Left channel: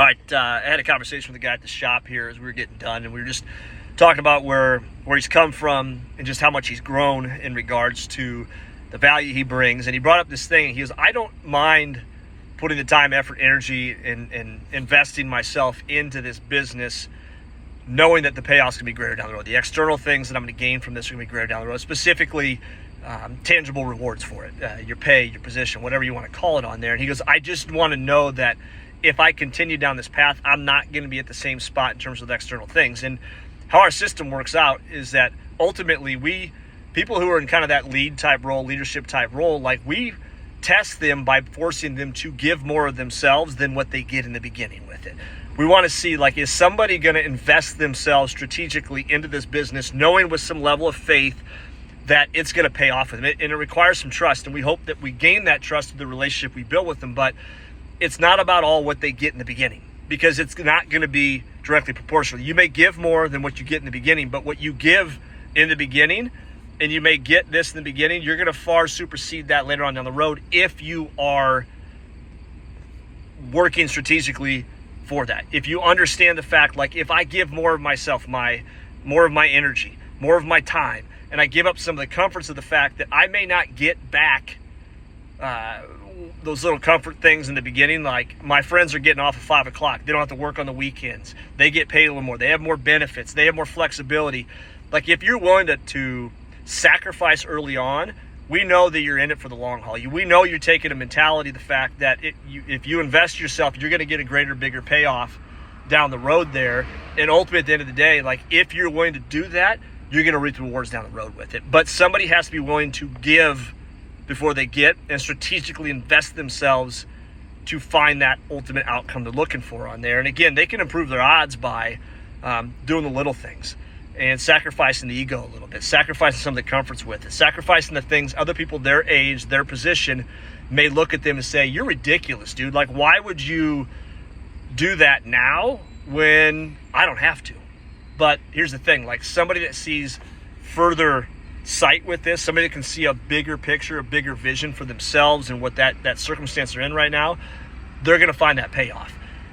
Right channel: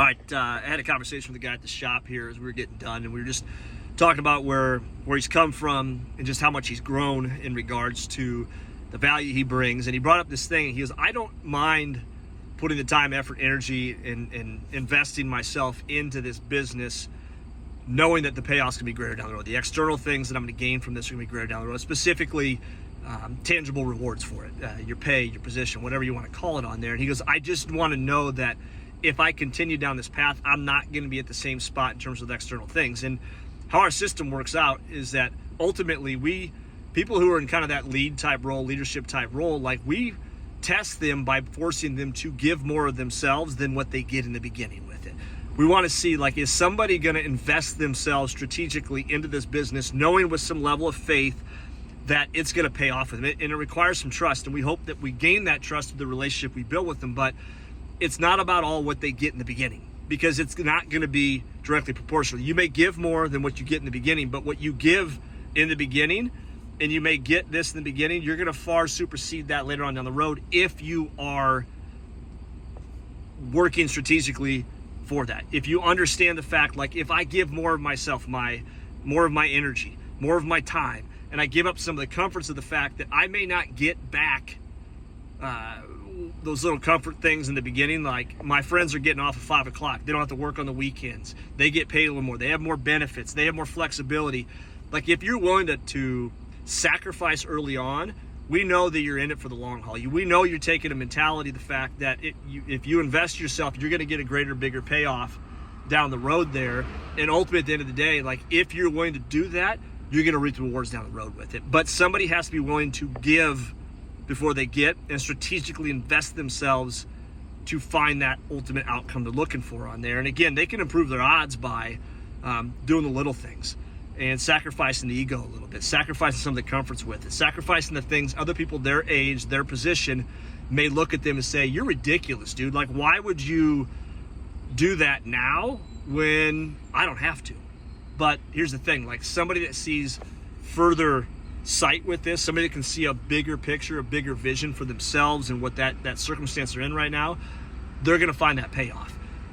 All right, I had a conversation with the guy at the shop here as we were getting done, and we were just talking about where he's come from and just how much he's grown in regards to the value he brings. And he brought up this thing. He goes, I don't mind putting the time, effort, energy, and investing myself into this business, knowing that the payoff's gonna be greater down the road. The external things that I'm gonna gain from this are gonna be greater down the road, specifically tangible rewards for it, your pay, your position, whatever you want to call it on there. And he goes, I just want to know that if I continue down this path, I'm not going to be at the same spot in terms of the external things. And how our system works out is that ultimately people who are in kind of that lead type role, leadership type role, like we test them by forcing them to give more of themselves than what they get in the beginning with it. We want to see, like, is somebody going to invest themselves strategically into this business, knowing with some level of faith that it's going to pay off with them. And it requires some trust. And we hope that we gain that trust through the relationship we build with them. But it's not about all what they get in the beginning, because it's not going to be directly proportional. You may give more than what you get in the beginning, but what you give in the beginning, and you may get this in the beginning, you're going to far supersede that later on down the road if you are working strategically for that. If you understand the fact, like, if I give more of myself, more of my energy, more of my time, and I give up some of the comforts of the fact that I may not get back those little comfort things in the beginning, like my friends are getting off at 5 o'clock. They don't have to work on the weekends. They get paid a little more. They have more benefits. They have more flexibility. Like, if you're willing to sacrifice early on, we know that you're in it for the long haul. We know you're taking a mentality, the fact that if you invest yourself, you're going to get a greater, bigger payoff down the road there. And ultimately, at the end of the day, like, if you're willing to do that, you're going to reap the rewards down the road with it. But somebody has to be willing to give before they get, and strategically invest themselves to find that ultimate outcome they're looking for on there. And again, they can improve their odds by doing the little things and sacrificing the ego a little bit, sacrificing some of the comforts with it, sacrificing the things other people their age, their position may look at them and say, you're ridiculous, dude. Like, why would you do that now when I don't have to? But here's the thing, like, somebody that sees further sight with this, somebody that can see a bigger picture, a bigger vision for themselves and what that circumstance they're in right now, they're going to find that payoff.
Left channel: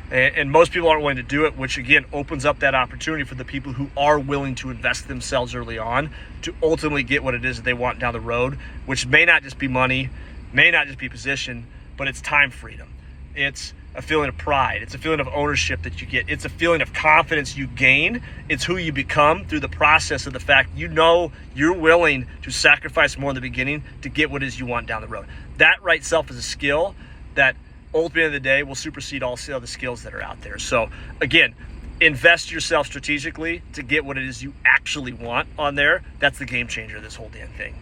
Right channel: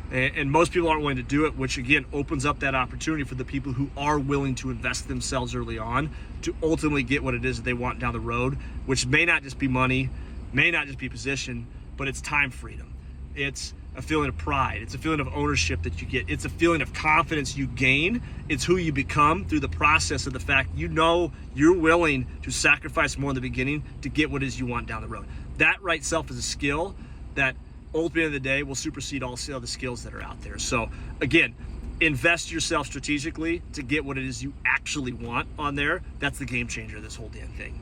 And most people aren't willing to do it, which again opens up that opportunity for the people who are willing to invest themselves early on to ultimately get what it is that they want down the road, which may not just be money, may not just be position, but it's time freedom. It's a feeling of pride. It's a feeling of ownership that you get. It's a feeling of confidence you gain. It's who you become through the process of the fact you know you're willing to sacrifice more in the beginning to get what it is you want down the road. That right itself is a skill that ultimately in the day will supersede all the other skills that are out there. So again, invest yourself strategically to get what it is you actually want on there. That's the game changer of this whole damn thing.